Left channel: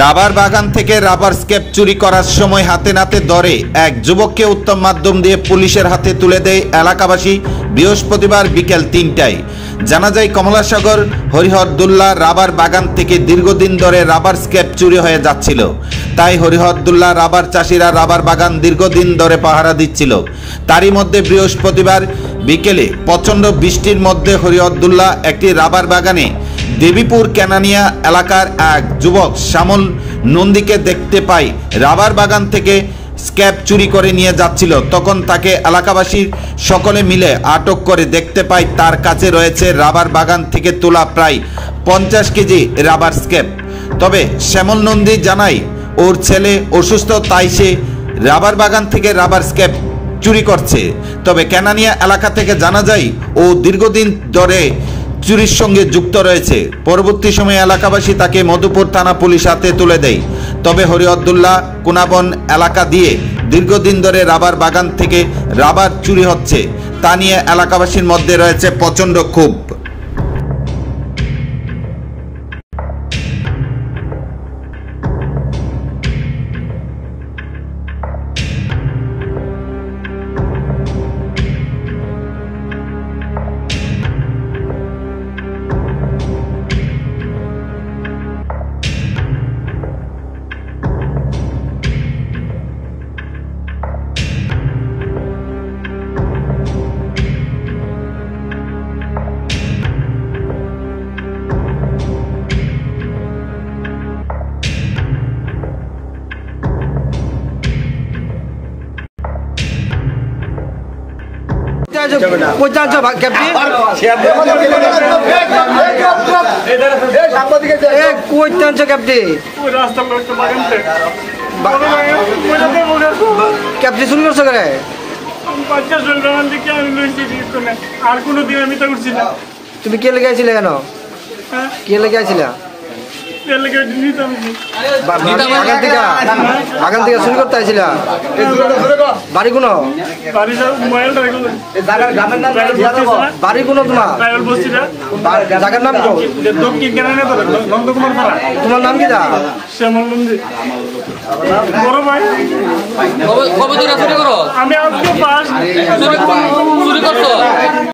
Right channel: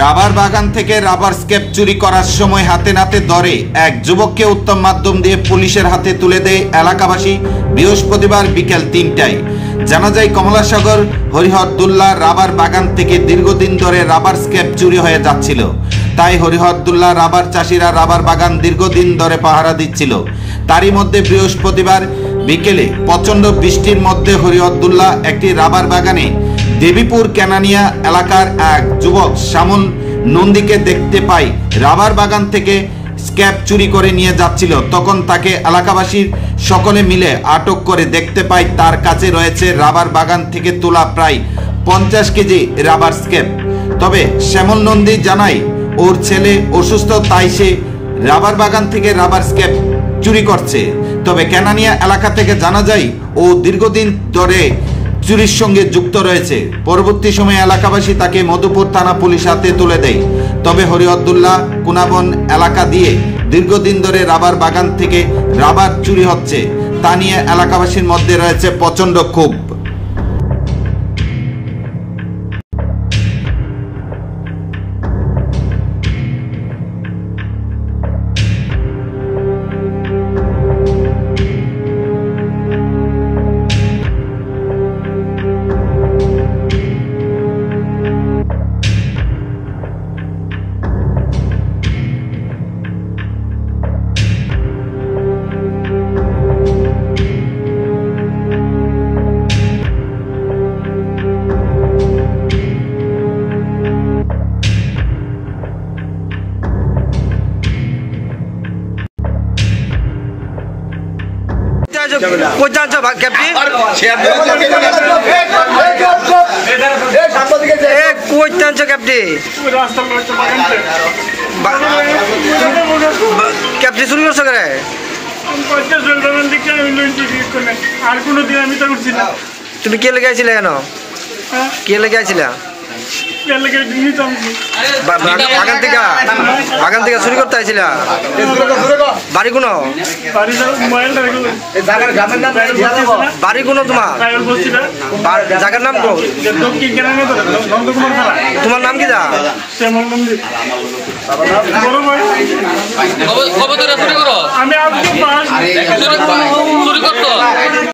Rubber বাগান থেকে rubber escape চুরি করার সময় হাতে নাতে ধরে এক যুবককে উত্তম মাধ্যম দিয়ে পুলিশের হাতে তুলে দেয় এলাকাবাসী বৃহস্পতিবার বিকেল ৩টায়। জানা যায় কমলাসাগর হরিহরদুল্লাহ রাবার বাগান থেকে দীর্ঘদিন ধরে রাবার স্কেপ চুরি হয়ে যাচ্ছিল। তাই হরিহরদুল্লাহ রাবার চাষিরা রাবার বাগান দীর্ঘদিন ধরে পাহারা দিচ্ছিল। তারই মধ্যে বৃহস্পতিবার বিকেলে প্রচণ্ড বৃষ্টির মধ্যে হরিহরদুল্লাহ একটি রাবার বাগানে দেবীপুর কেনানিয়া এলাকার এক যুবক শ্যামল নন্দীকে দেখতে পাই রাবার বাগান থেকে স্ক্র্যাপ চুরি করে নিয়ে যাচ্ছিল। তখন তাকে এলাকাবাসীর সকলে মিলে আটক করে দেখতে পাই তার কাছে রয়েছে রাবার বাগান থেকে তোলা প্রায় 50 কেজি রাবার স্ক্র্যাপ। তবে শ্যামল নন্দী জানায় ওর ছেলে অসুস্থ, তাই সে রাবার বাগান থেকে রাবার স্ক্র্যাপ চুরি করছে। তবে কেনানিয়া এলাকা থেকে জানা যায় ও দীর্ঘদিন ধরে চুরির সঙ্গে যুক্ত রয়েছে। পরবর্তী সময়ে এলাকাবাসী তাকে মধুপুর থানা পুলিশ হাতে তুলে দেয়। তবে হরিহরদুল্লাহ কোনাবন এলাকা দিয়ে দীর্ঘদিন ধরে রাবার বাগান থেকে রাবার চুরি হচ্ছে, তা নিয়ে এলাকাবাসীর মধ্যে রয়েছে প্রচণ্ড ক্ষোভ। তুমি কে লেগে আইছিলে কেন? কে লেগে আইছিলা? বাগান থেকে চুরি করতে আইছিলা? বাড়ি কোনো বাড়ি কোনো তোমার জায়গার নাম কো? তোমার নাম কি? আমি